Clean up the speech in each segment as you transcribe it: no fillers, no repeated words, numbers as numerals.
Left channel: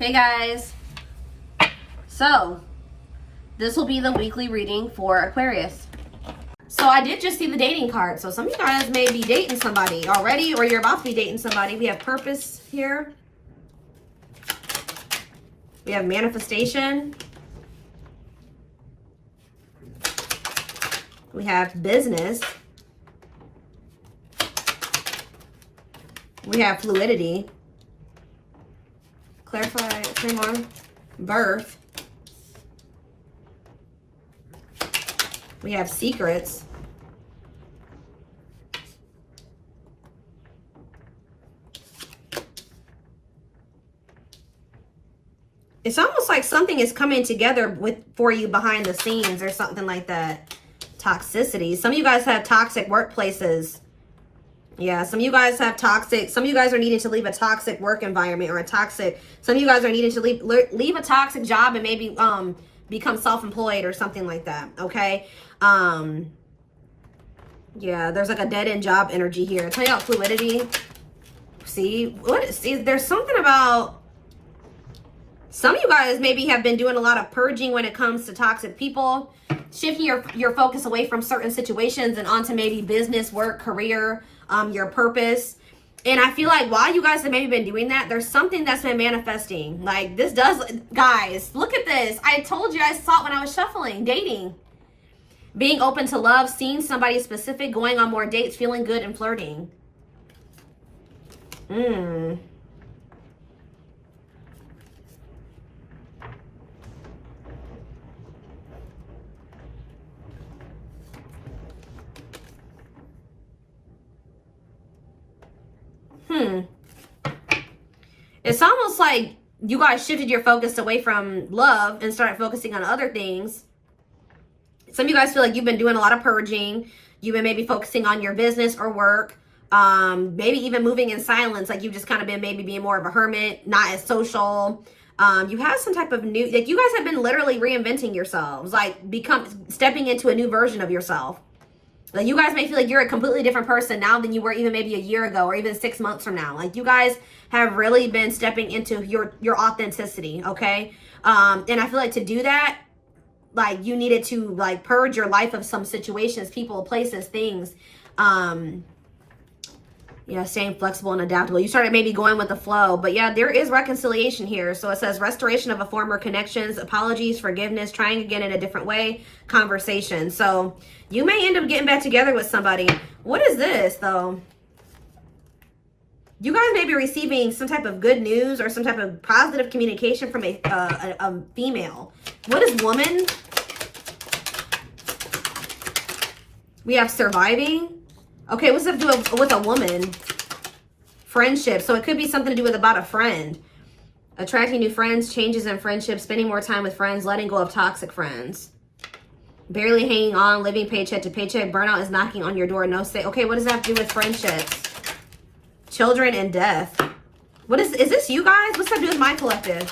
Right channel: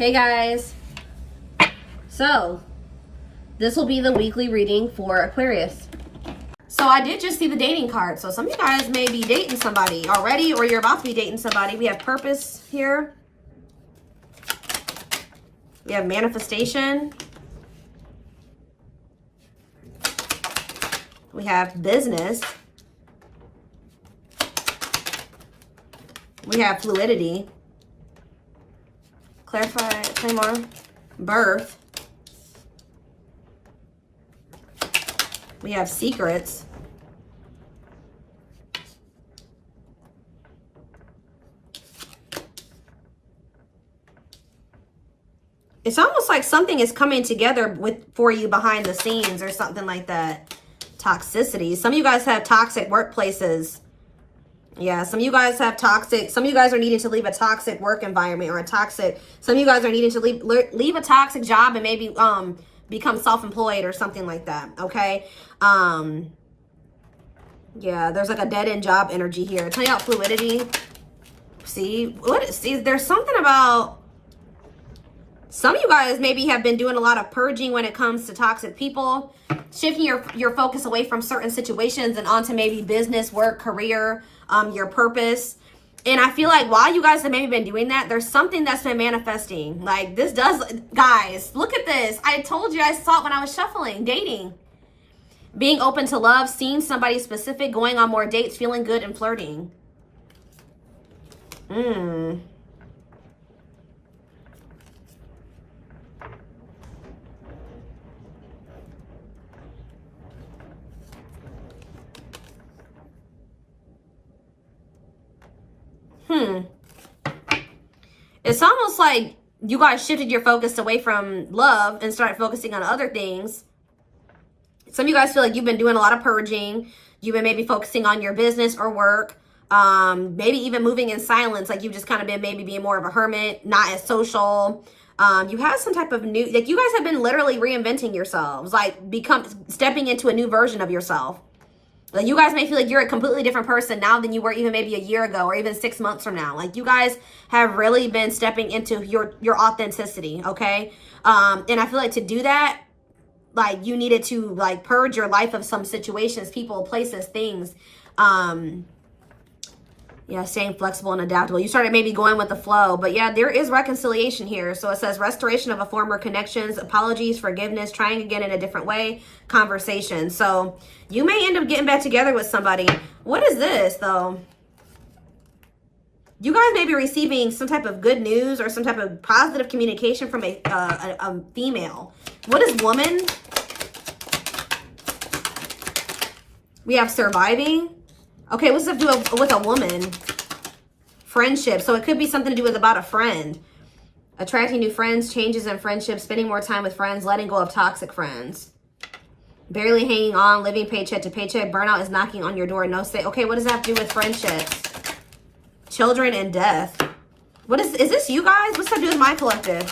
Hey guys, so this will be the weekly reading for Aquarius. So I did just see the dating card. So some of you guys may be dating somebody already, or you're about to be dating somebody. We have purpose here. We have manifestation. We have business. We have fluidity. Clarify, timeline, birth. We have secrets. It's almost like something is coming together for you behind the scenes or something like that. Toxicity. Some of you guys have toxic workplaces. Yeah, some of you guys have toxic, some of you guys are needing to leave a toxic work environment or a toxic, some of you guys are needing to leave a toxic job and maybe become self-employed or something like that, okay? Yeah, there's like a dead-end job energy here. Tell you about fluidity. See, there's something about, some of you guys maybe have been doing a lot of purging when it comes to toxic people, shifting your focus away from certain situations and onto maybe business, work, career, your purpose. And I feel like while you guys have maybe been doing that, there's something that's been manifesting. Like this does, guys, look at this. I told you, I saw it when I was shuffling, dating. Being open to love, seeing somebody specific, going on more dates, feeling good and flirting. It's almost like you guys shifted your focus away from love and started focusing on other things. Some of you guys feel like you've been doing a lot of purging. You've been maybe focusing on your business or work. Maybe even moving in silence. Like you've just kind of been maybe being more of a hermit, not as social. You have some type of new, like you guys have been literally reinventing yourselves. Like stepping into a new version of yourself. Like you guys may feel like you're a completely different person now than you were even maybe a year ago or even 6 months from now. Like you guys have really been stepping into your authenticity, okay? And I feel like to do that, like you needed to like purge your life of some situations, people, places, things. Yeah, staying flexible and adaptable. You started maybe going with the flow, but yeah, there is reconciliation here. So it says restoration of a former connections, apologies, forgiveness, trying again in a different way, conversation. So you may end up getting back together with somebody. What is this though? You guys may be receiving some type of good news or some type of positive communication from a female. What is woman? We have surviving. Okay, what's it do with a woman? Friendship. So it could be something to do with about a friend. Attracting new friends, changes in friendships, spending more time with friends, letting go of toxic friends. Barely hanging on, living paycheck to paycheck. Burnout is knocking on your door. No say. Okay, what does that have to do with friendships? Children and death. What is this you guys? What's that do with my collective?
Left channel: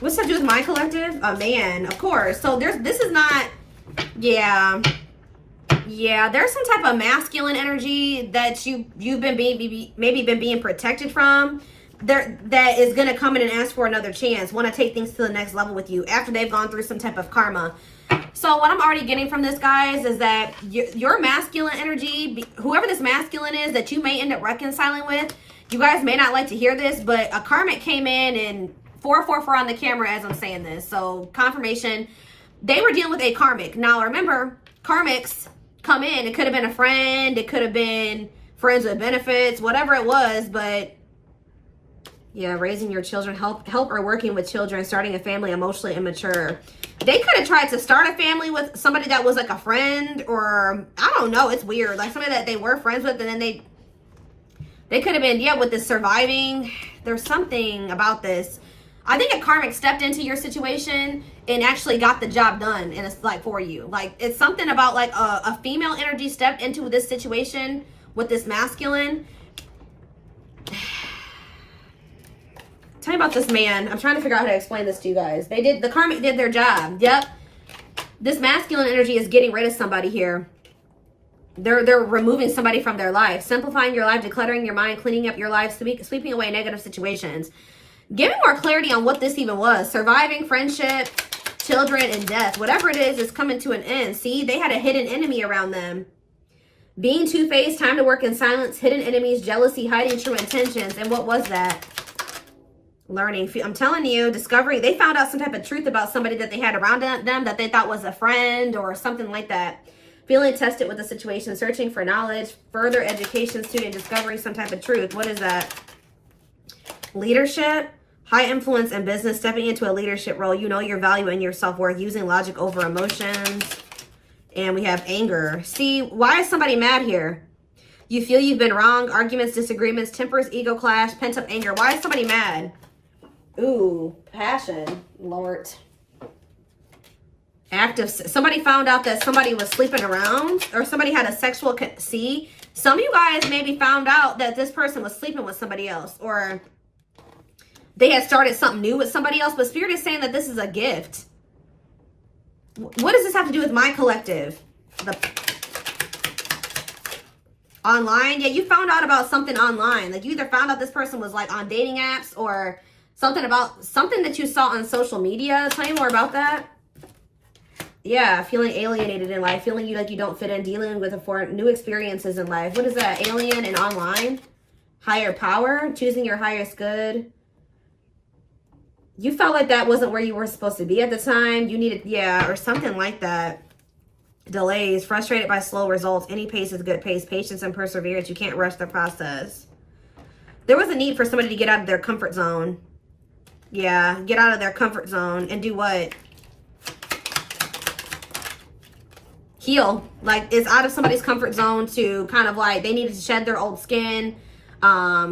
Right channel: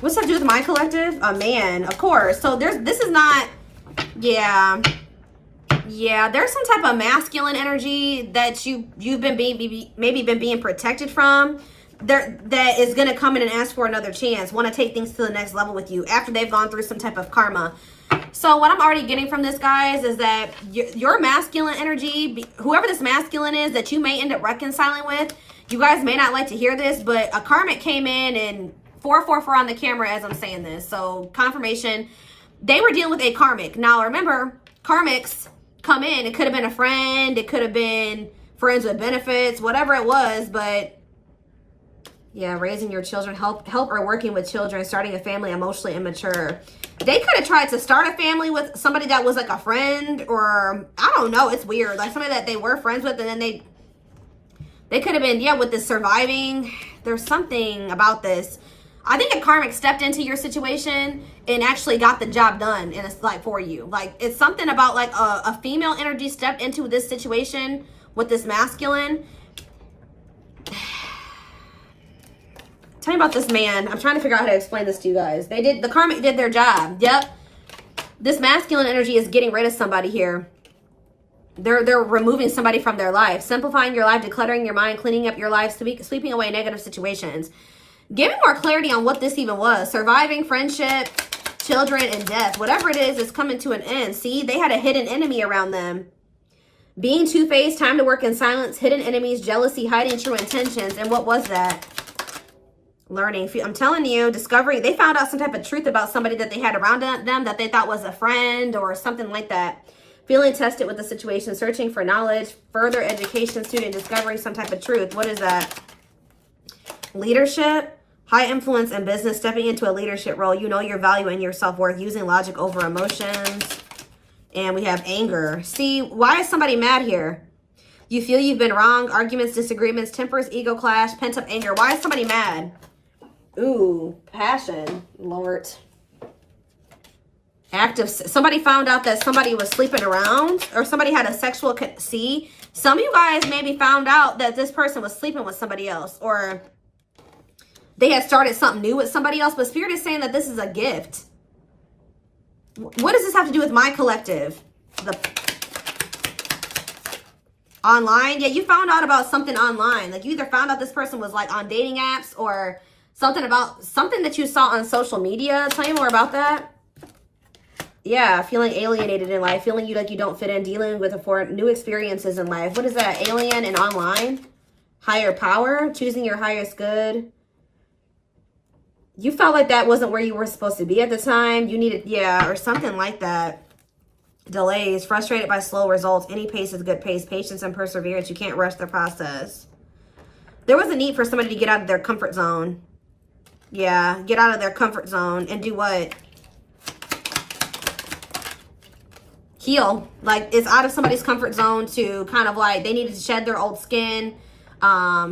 What's that do with my collective? A man, of course. So this is not, yeah. Yeah, there's some type of masculine energy that you've been maybe been being protected from. That is gonna come in and ask for another chance. Want to take things to the next level with you after they've gone through some type of karma. So what I'm already getting from this, guys, is that your masculine energy, whoever this masculine is that you may end up reconciling with, you guys may not like to hear this, but a karmic came in and 444 on the camera as I'm saying this. So confirmation, they were dealing with a karmic. Now remember, karmics come in. It could have been a friend. It could have been friends with benefits, whatever it was. But yeah, raising your children, help or working with children, starting a family, emotionally immature. They could have tried to start a family with somebody that was like a friend, or I don't know. It's weird. Like somebody that they were friends with, and then they could have been, yeah, with the surviving. There's something about this. I think a karmic stepped into your situation and actually got the job done, and it's like for you. Like it's something about like a female energy stepped into this situation with this masculine. Tell me about this man. I'm trying to figure out how to explain this to you guys. The karmic did their job. Yep. This masculine energy is getting rid of somebody here. They're removing somebody from their life, simplifying your life, decluttering your mind, cleaning up your life, sweeping away negative situations. Give me more clarity on what this even was. Surviving, friendship, children, and death. Whatever it is coming to an end. See, they had a hidden enemy around them. Being two-faced, time to work in silence, hidden enemies, jealousy, hiding true intentions. And what was that? Learning. I'm telling you, discovery. They found out some type of truth about somebody that they had around them that they thought was a friend or something like that. Feeling tested with the situation, searching for knowledge, further education, student, discovering some type of truth. What is that? Leadership. High influence in business, stepping into a leadership role. You know your value and your self-worth, using logic over emotions. And we have anger. See, why is somebody mad here? You feel you've been wrong. Arguments, disagreements, tempers, ego clash, pent-up anger. Why is somebody mad? Ooh, passion, Lord. Active. Somebody found out that somebody was sleeping around, or somebody had a sexual... See, some of you guys maybe found out that this person was sleeping with somebody else, or... they had started something new with somebody else, but Spirit is saying that this is a gift. What does this have to do with my collective? Online? Yeah, you found out about something online. Like, you either found out this person was, like, on dating apps or something about something that you saw on social media. Tell me more about that. Yeah, feeling alienated in life. Feeling like you don't fit in. Dealing with new experiences in life. What is that? Alien and online? Higher power? Choosing your highest good? You felt like that wasn't where you were supposed to be at the time. You needed, yeah, or something like that. Delays, frustrated by slow results. Any pace is good pace. Patience and perseverance. You can't rush the process. There was a need for somebody to get out of their comfort zone. Yeah, get out of their comfort zone and do what? Heal. Like, it's out of somebody's comfort zone to kind of like, they needed to shed their old skin.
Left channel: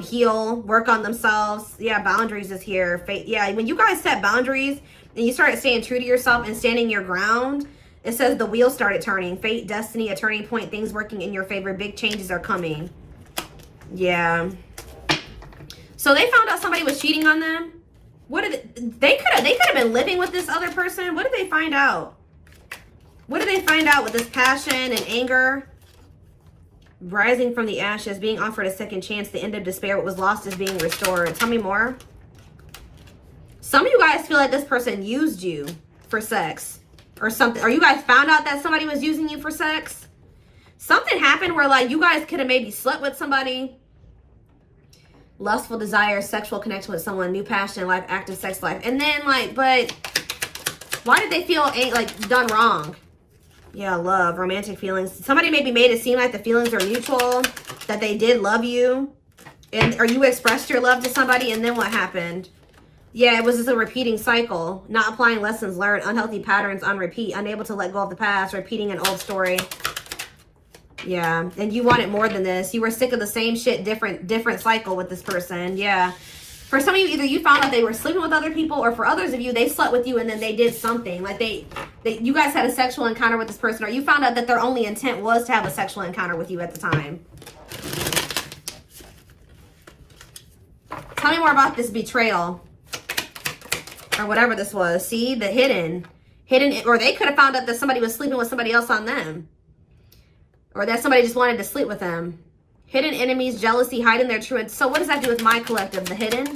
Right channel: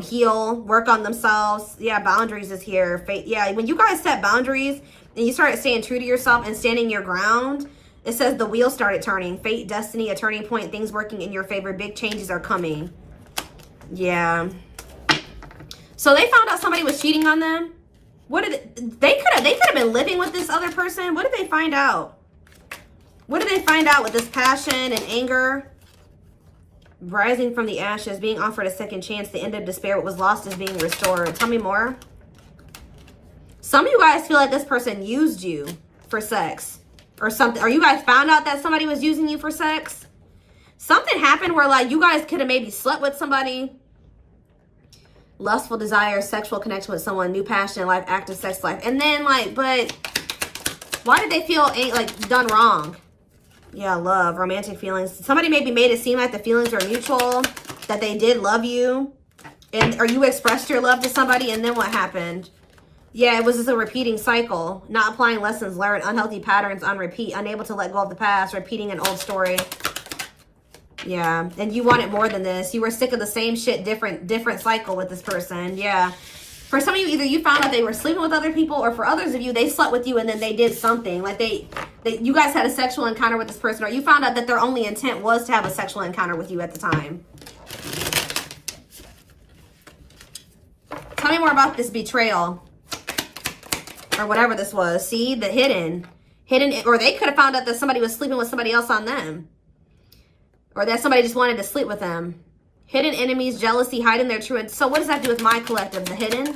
Heal, work on themselves. Yeah, boundaries is here. Yeah, when you guys set boundaries and you start staying true to yourself and standing your ground, it says the wheel started turning. Fate, destiny, a turning point, things working in your favor. Big changes are coming. Yeah. So they found out somebody was cheating on them. What did they could have been living with this other person. What did they find out? What did they find out with this passion and anger? Rising from the ashes, being offered a second chance, the end of despair, what was lost is being restored. Tell me more. Some of you guys feel like this person used you for sex or something. Or you guys found out that somebody was using you for sex. Something happened where like you guys could have maybe slept with somebody. Lustful desire, sexual connection with someone, new passion in life, active sex life. And then like, but why did they feel like done wrong? Yeah, love, romantic feelings. Somebody maybe made it seem like the feelings are mutual, that they did love you. Or you expressed your love to somebody, and then what happened? Yeah, it was just a repeating cycle. Not applying lessons learned, unhealthy patterns on repeat, unable to let go of the past, repeating an old story. Yeah, and you wanted more than this. You were sick of the same shit, different cycle with this person. Yeah. For some of you, either you found out they were sleeping with other people, or for others of you, they slept with you and then they did something. Like you guys had a sexual encounter with this person, or you found out that their only intent was to have a sexual encounter with you at the time. Tell me more about this betrayal. Or whatever this was. See, the hidden, or they could have found out that somebody was sleeping with somebody else on them. Or that somebody just wanted to sleep with them. Hidden enemies, jealousy, hiding their true. So what does that do with my collective? The hidden.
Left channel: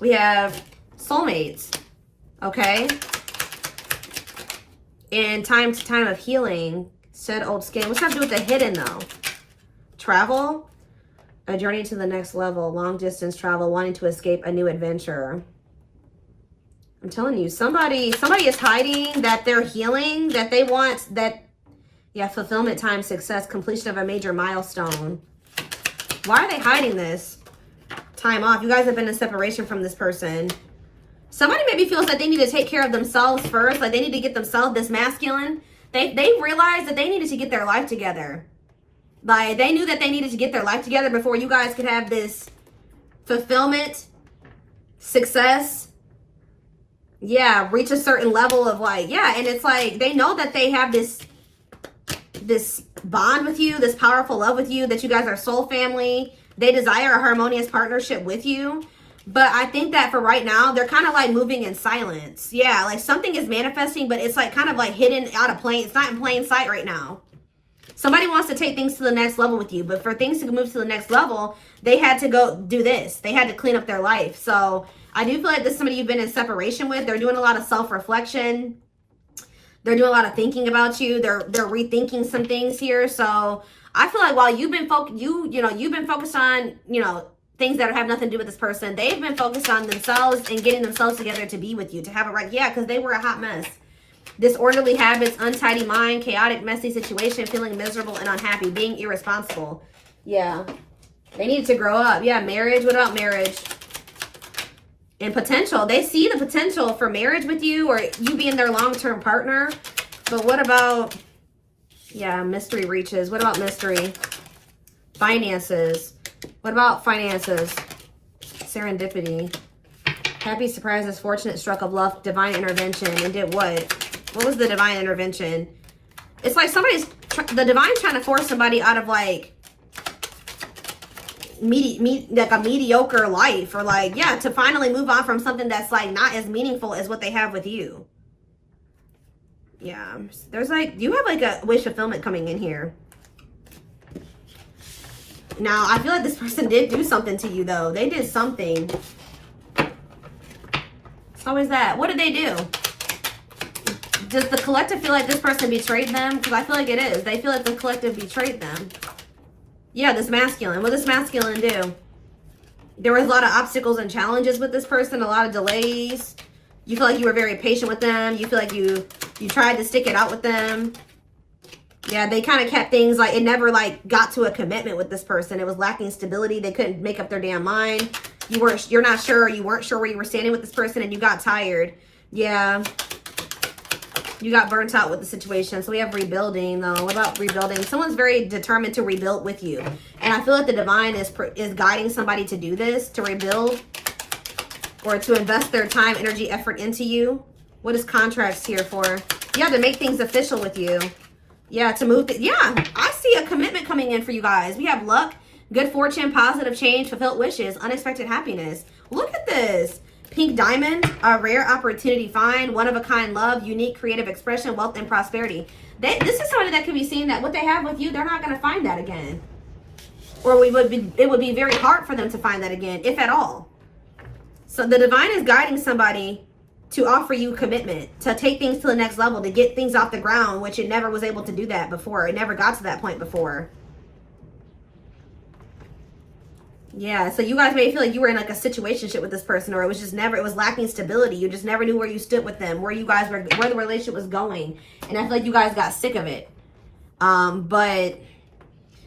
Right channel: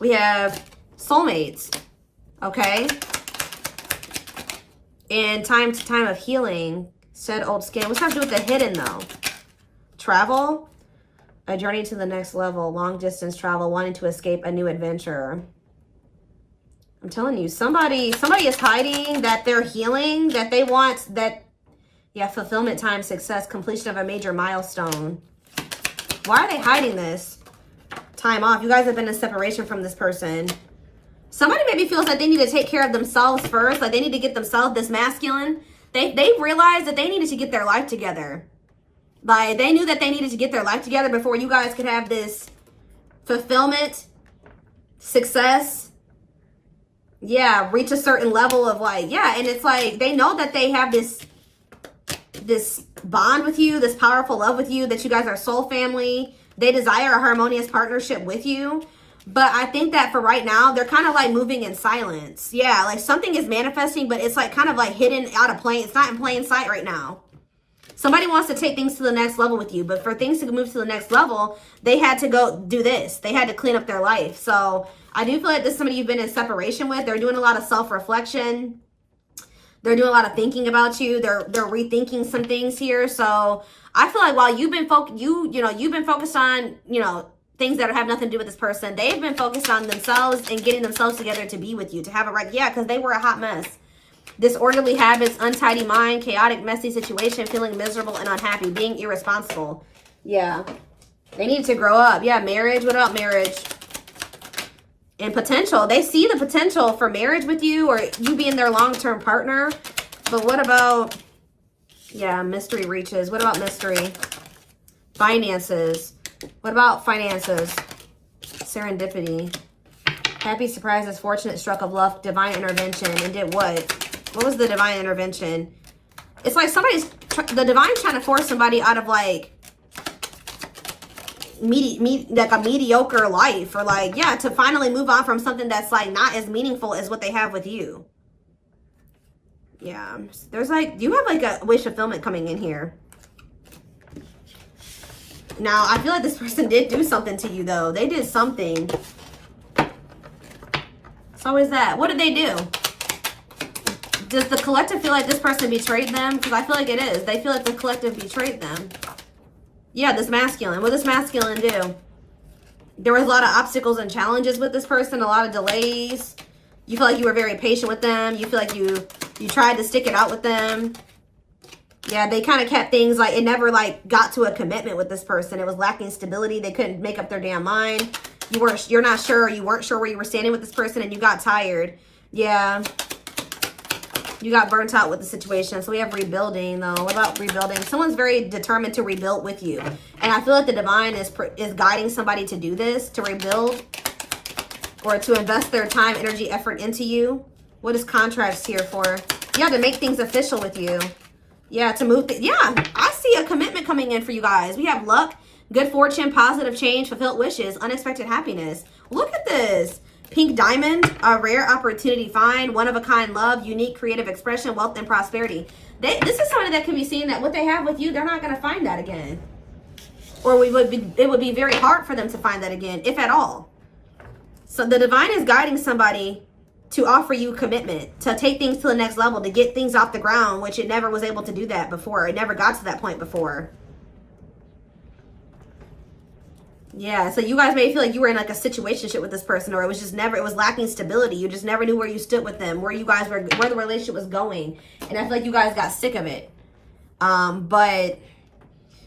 We have soulmates. Okay. And time of healing. Shed old skin. What's that to do with the hidden though? Travel. A journey to the next level. Long distance travel. Wanting to escape a new adventure. I'm telling you, somebody is hiding that they're healing, that they want that. Yeah, fulfillment, time, success, completion of a major milestone. Why are they hiding this? Time off. You guys have been in separation from this person. Somebody maybe feels like they need to take care of themselves first. Like they need to get themselves this masculine. They realized that they needed to get their life together. Like they knew that they needed to get their life together before you guys could have this fulfillment, success. Yeah, reach a certain level of like, yeah. And it's like, they know that they have this bond with you, this powerful love with you, that you guys are soul family. They desire a harmonious partnership with you. But I think that for right now, they're kind of like moving in silence. Yeah, like something is manifesting, but it's like kind of like hidden out of plain. It's not in plain sight right now. Somebody wants to take things to the next level with you, but for things to move to the next level, they had to go do this. They had to clean up their life. So I do feel like this is somebody you've been in separation with. They're doing a lot of self-reflection. They're doing a lot of thinking about you. They're rethinking some things here. So I feel like while you've been you've been focused on, things that have nothing to do with this person, they've been focused on themselves and getting themselves together to be with you, to have it right. Yeah, because they were a hot mess. Disorderly habits, untidy mind, chaotic, messy situation, feeling miserable and unhappy, being irresponsible. Yeah. They need to grow up. Yeah, marriage. What about marriage? And potential. They see the potential for marriage with you or you being their long-term partner. But what about, yeah, mystery reaches. What about mystery? Finances. What about finances? Serendipity. Happy surprises, fortunate stroke of luck, divine intervention. And did what? What was the divine intervention? It's like the divine's trying to force somebody out of like like a mediocre life, or like, yeah, to finally move on from something that's like not as meaningful as what they have with you. Yeah, there's like, you have like a wish fulfillment coming in here. Now, I feel like this person did do something to you though. They did something. It's always that. What did they do? Does the collective feel like this person betrayed them? Because I feel like it is. They feel like the collective betrayed them. Yeah, this masculine. What does this masculine do? There was a lot of obstacles and challenges with this person, a lot of delays. You feel like you were very patient with them. You feel like you tried to stick it out with them. Yeah, they kind of kept things like, it never like got to a commitment with this person. It was lacking stability. They couldn't make up their damn mind. You're not sure. You weren't sure where you were standing with this person and you got tired. Yeah. You got burnt out with the situation. So we have rebuilding though. What about rebuilding? Someone's very determined to rebuild with you. And I feel like the divine is guiding somebody to do this, to rebuild or to invest their time, energy, effort into you. What is contracts here for? Yeah, to make things official with you. Yeah, to move. Yeah, I see a commitment coming in for you guys. We have luck, good fortune, positive change, fulfilled wishes, unexpected happiness. Look at this. Pink diamond, a rare opportunity find, one-of-a-kind love, unique creative expression, wealth, and prosperity. This is somebody that could be seeing that what they have with you, they're not going to find that again. Or it would be very hard for them to find that again, if at all. So the divine is guiding somebody to offer you commitment, to take things to the next level, to get things off the ground, which it never was able to do that before. It never got to that point before. Yeah, so you guys may feel like you were in like a situationship with this person, or it was just never, it was lacking stability. You just never knew where you stood with them, where the relationship was going. And I feel like you guys got sick of it. But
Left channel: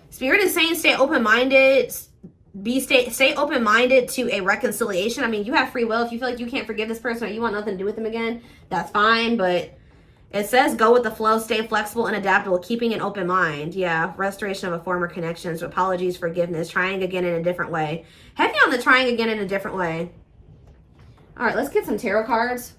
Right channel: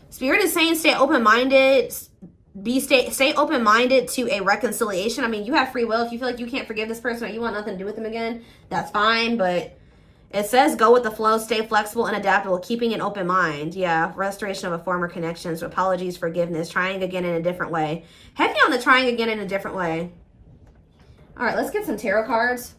Spirit is saying stay open-minded, stay open-minded to a reconciliation. I mean, you have free will. If you feel like you can't forgive this person or you want nothing to do with them again, that's fine. But it says go with the flow, stay flexible and adaptable, keeping an open mind. Yeah, restoration of a former connections, apologies, forgiveness, trying again in a different way. Heavy on the trying again in a different way. All right, let's get some tarot cards.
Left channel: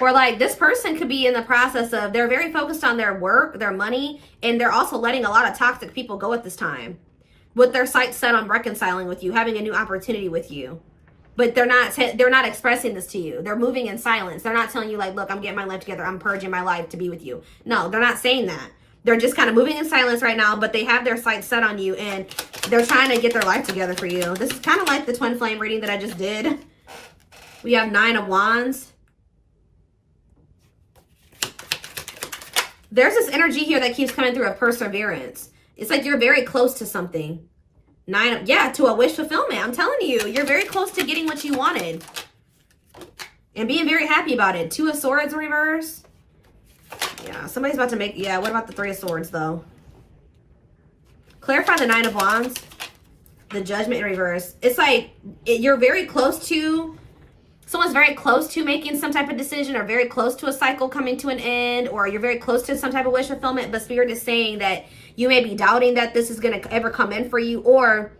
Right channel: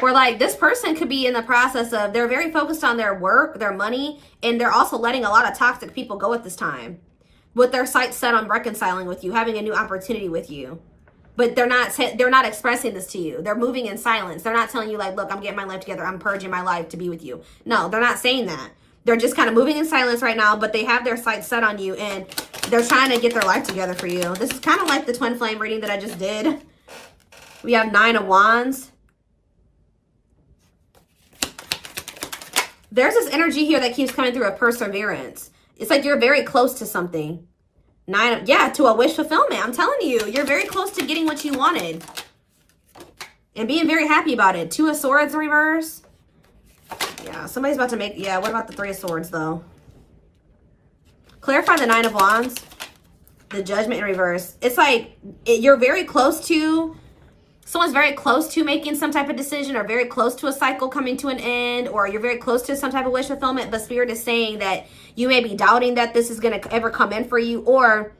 Or like this person could be in the process of, they're very focused on their work, their money, and they're also letting a lot of toxic people go at this time. With their sights set on reconciling with you, having a new opportunity with you. But they're not expressing this to you. They're moving in silence. They're not telling you like, look, I'm getting my life together. I'm purging my life to be with you. No, they're not saying that. They're just kind of moving in silence right now, but they have their sights set on you and they're trying to get their life together for you. This is kind of like the twin flame reading that I just did. We have 9 of Wands. There's this energy here that keeps coming through of perseverance. It's like you're very close to something. To a wish fulfillment. I'm telling you, you're very close to getting what you wanted. And being very happy about it. 2 of Swords in reverse. Yeah, somebody's about to make, yeah, what about the 3 of Swords though? Clarify the 9 of Wands. The Judgment in reverse. It's like you're very close to, someone's very close to making some type of decision, or very close to a cycle coming to an end, or you're very close to some type of wish fulfillment, but Spirit is saying that you may be doubting that this is going to ever come in for you, or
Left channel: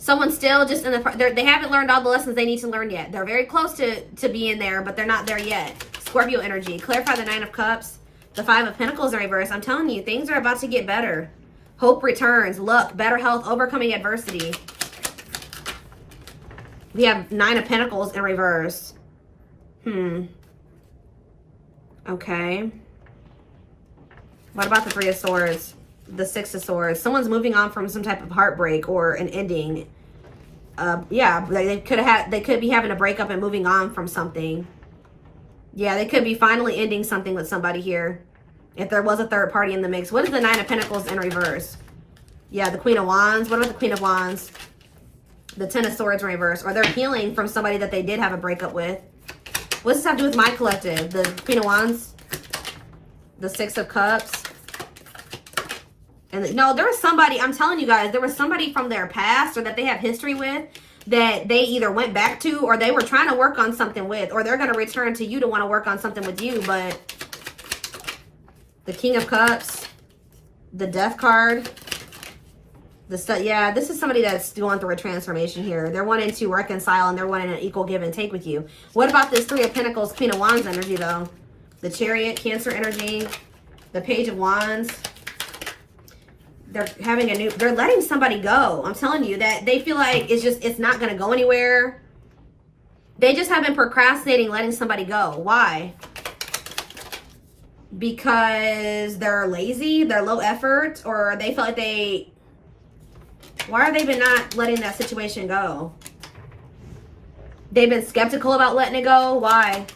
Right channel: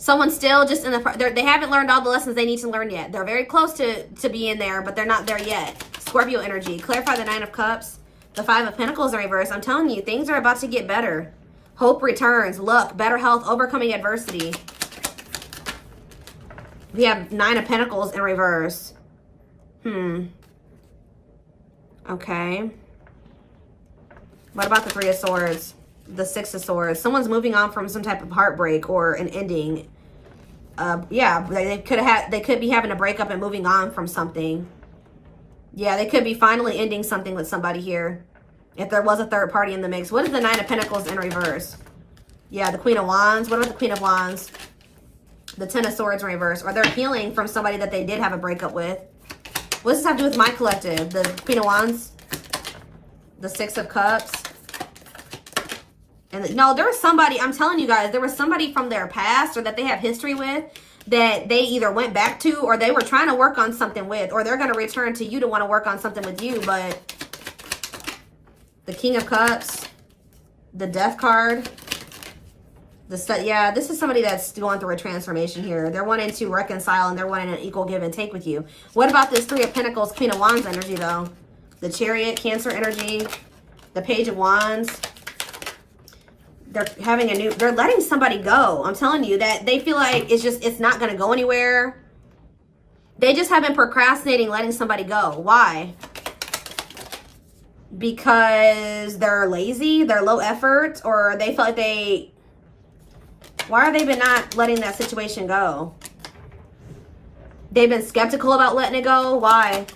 Someone's still just in the, they haven't learned all the lessons they need to learn yet. They're very close to being there, but they're not there yet. Scorpio energy. Clarify the 9 of Cups. The 5 of Pentacles in reverse. I'm telling you, things are about to get better. Hope returns. Luck. Better health. Overcoming adversity. We have 9 of Pentacles in reverse. Okay. What about the 3 of Swords? The 6 of Swords. Someone's moving on from some type of heartbreak or an ending. Yeah, they could be having a breakup and moving on from something. Yeah, they could be finally ending something with somebody here. If there was a third party in the mix. What is the 9 of Pentacles in reverse? Yeah, the Queen of Wands. What about the Queen of Wands? The 10 of Swords in reverse. Or they're healing from somebody that they did have a breakup with. What does this have to do with my collective? The Queen of Wands. The 6 of Cups. And no, there was somebody, I'm telling you guys, there was somebody from their past or that they have history with that they either went back to or they were trying to work on something with, or they're going to return to you to want to work on something with you. But the King of Cups, the Death card, yeah, this is somebody that's going through a transformation here. They're wanting to reconcile and they're wanting an equal give and take with you. What about this 3 of Pentacles, Queen of Wands energy though? The Chariot, Cancer energy, the Page of Wands. They're having they're letting somebody go. I'm telling you that they feel like it's not going to go anywhere. They just have been procrastinating letting somebody go. Why? Because they're lazy, they're low effort, or they feel like why have they been not letting that situation go? They've been skeptical about letting it go. Why?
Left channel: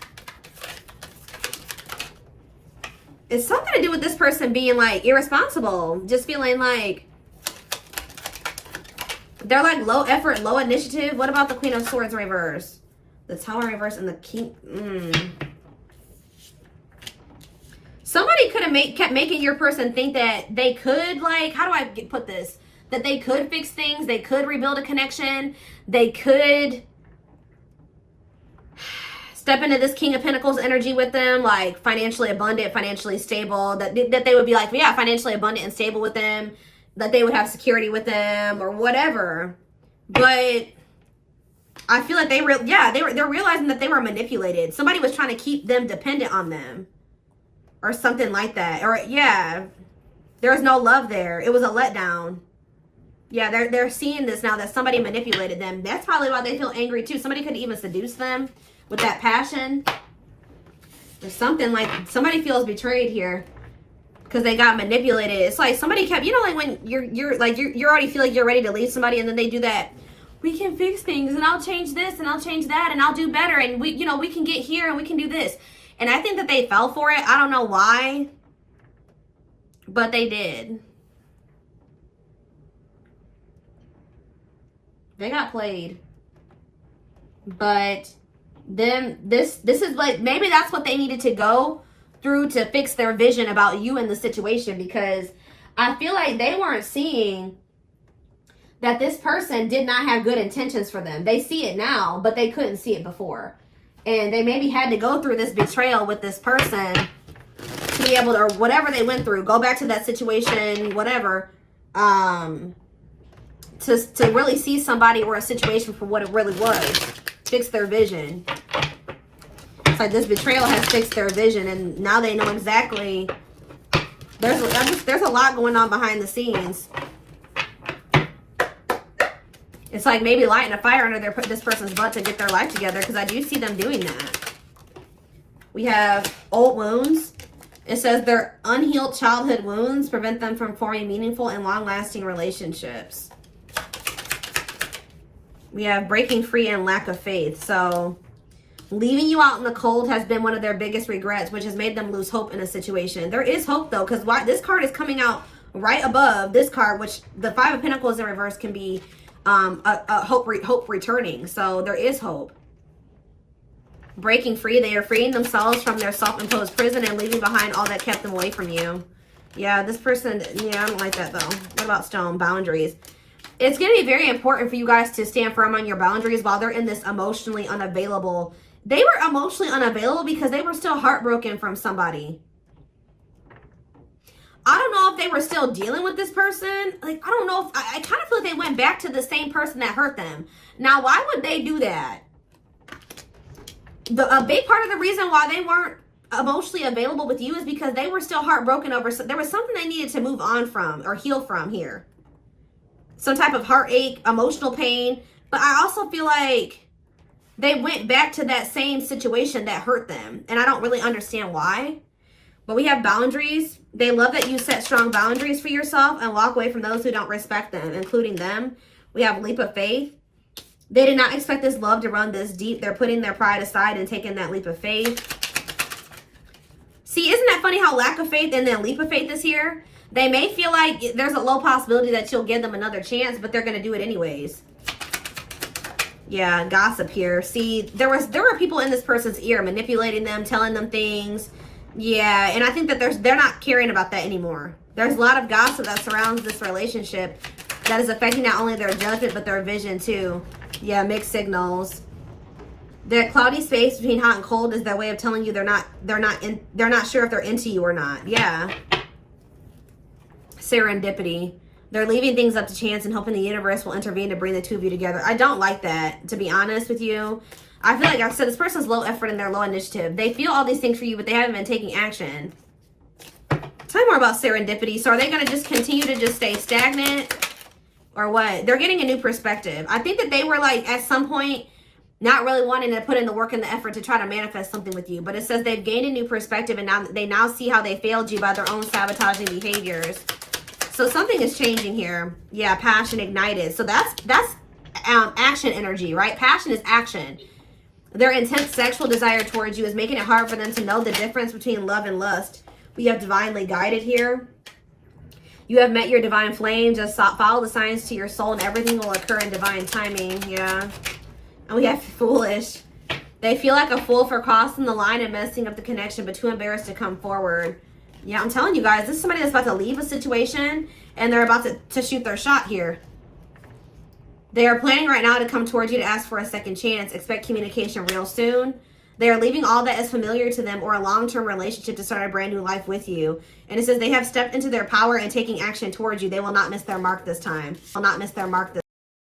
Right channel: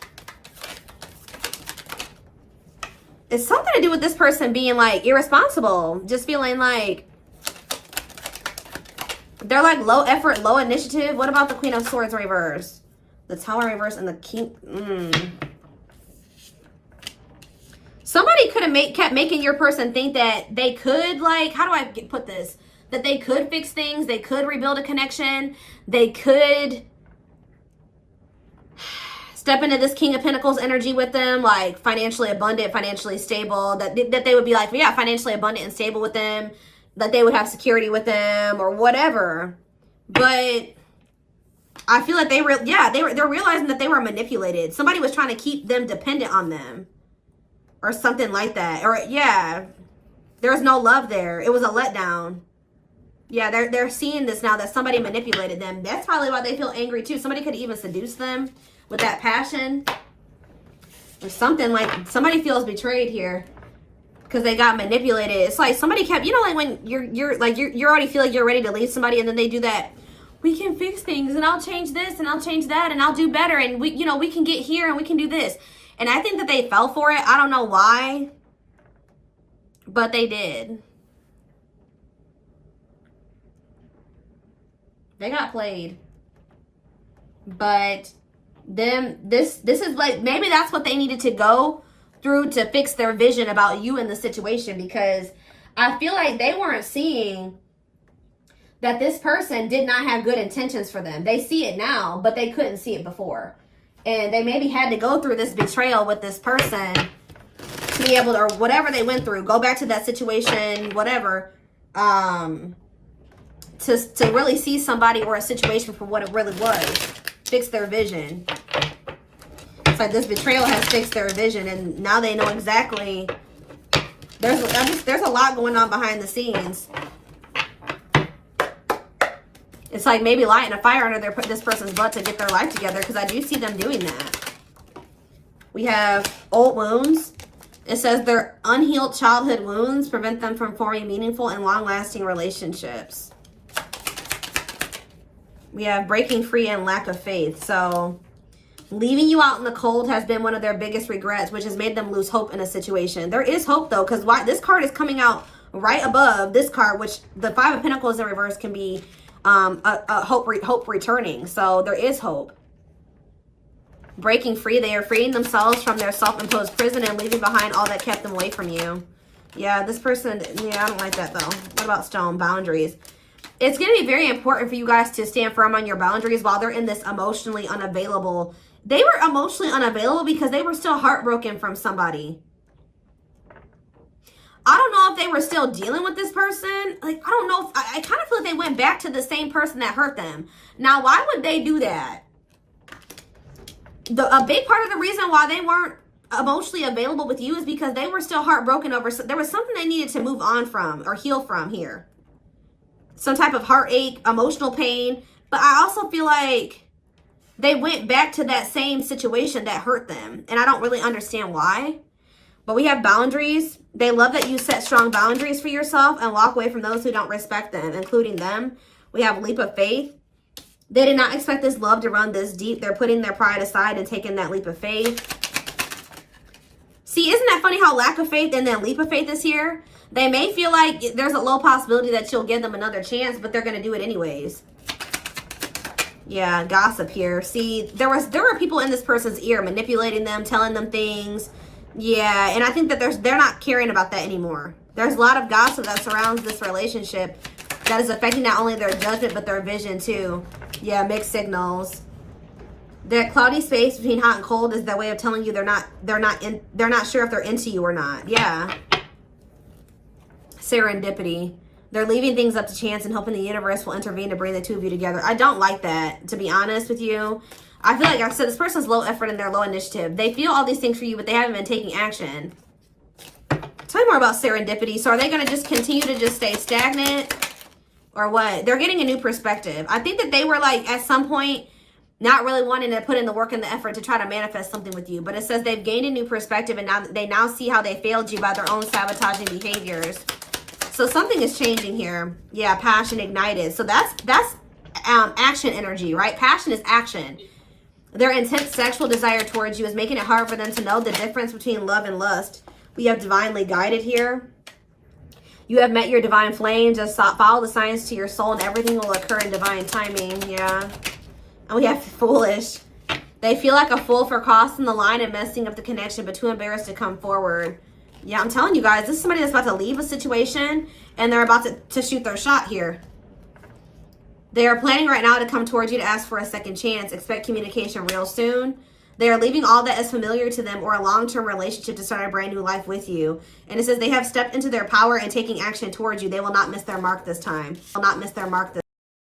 It's something to do with this person being like irresponsible. Just feeling like they're like low effort, low initiative. What about the Queen of Swords reverse? The Tower reverse and the King. Somebody could have kept making your person think that they could, like, how do I put this? That they could fix things. They could rebuild a connection. They could step into this King of Pentacles energy with them, like financially abundant, financially stable, that they would be like, yeah, financially abundant and stable with them, that they would have security with them or whatever. But I feel like they're realizing that they were manipulated. Somebody was trying to keep them dependent on them or something like that. Or yeah, there was no love there. It was a letdown. Yeah, they're seeing this now that somebody manipulated them. That's probably why they feel angry too. Somebody could even seduce them with that passion. Or something like somebody feels betrayed here because they got manipulated. It's like somebody kept, you know, like when you're already feel like you're ready to leave somebody and then they do that. We can fix things and I'll change this and I'll change that and I'll do better and we can get here and we can do this. And I think that they fell for it. I don't know why, but they did. They got played. But then this is like, maybe that's what they needed to go through to fix their vision about you in the situation, because I feel like they weren't seeing that this person did not have good intentions for them. They see it now, but they couldn't see it before. And they maybe had to go through this betrayal with this person to be able to, or whatever they went through, go back to that situation, whatever, to really see somebody or a situation for what it really was. Fix their vision. So this betrayal has fixed their vision, and now they know exactly. There's a lot going on behind the scenes. It's like maybe lighting a fire under this person's butt to get their life together, because I do see them doing that. We have old wounds. It says their unhealed childhood wounds prevent them from forming meaningful and long-lasting relationships. We have breaking free and lack of faith. So leaving you out in the cold has been one of their biggest regrets, which has made them lose hope in a situation. There is hope though, because this card is coming out right above this card, which the 5 of Pentacles in reverse can be a hope returning. So there is hope. Breaking free, they are freeing themselves from their self-imposed prison and leaving behind all that kept them away from you. Yeah, this person, yeah, I don't like that though. What about stone? Boundaries. It's going to be very important for you guys to stand firm on your boundaries while they're in this emotionally unavailable. They were emotionally unavailable because they were still heartbroken from somebody. I don't know if they were still dealing with this person. Like, I don't know if, I kind of feel like they went back to the same person that hurt them. Now, why would they do that? A big part of the reason why they weren't emotionally available with you is because they were still heartbroken over, there was something they needed to move on from or heal from here. Some type of heartache, emotional pain. But I also feel like they went back to that same situation that hurt them. And I don't really understand why. But we have boundaries. They love that you set strong boundaries for yourself and walk away from those who don't respect them, including them. We have a leap of faith. They did not expect this love to run this deep. They're putting their pride aside and taking that leap of faith. See, isn't that funny how lack of faith and then leap of faith is here? They may feel like there's a low possibility that you'll give them another chance, but they're going to do it anyways. Yeah, gossip here. See, there are people in this person's ear manipulating them, telling them things. Yeah, and I think that they're not caring about that anymore. There's a lot of gossip that surrounds this relationship that is affecting not only their judgment but their vision too. Yeah, mixed signals. The cloudy space between hot and cold is their way of telling you they're not sure if they're into you or not. Yeah. Serendipity. They're leaving things up to chance and hoping the universe will intervene to bring the two of you together. I don't like that, to be honest with you. I feel like I said this person's low effort and they're low initiative. They feel all these things for you, but they haven't been taking action. Tell me more about serendipity. So are they going to just continue to just stay stagnant or what? They're getting a new perspective. I think that they were like at some point not really wanting to put in the work and the effort to try to manifest something with you. But it says they've gained a new perspective and now they see how they failed you by their own sabotaging behaviors. So something is changing here. Yeah, passion ignited. So that's action energy, right? Passion is action. Their intense sexual desire towards you is making it hard for them to know the difference between love and lust. We have divinely guided here. You have met your divine flame. Just follow the signs to your soul and everything will occur in divine timing. Yeah. And we have foolish. They feel like a fool for crossing the line and messing up the connection, but too embarrassed to come forward. Yeah, I'm telling you guys, this is somebody that's about to leave a situation and they're about to shoot their shot here. They are planning right now to come towards you to ask for a second chance. Expect communication real soon. They are leaving all that is familiar to them or a long-term relationship to start a brand new life with you. And it says they have stepped into their power and taking action towards you. They will not miss their mark this time. Will not miss their mark this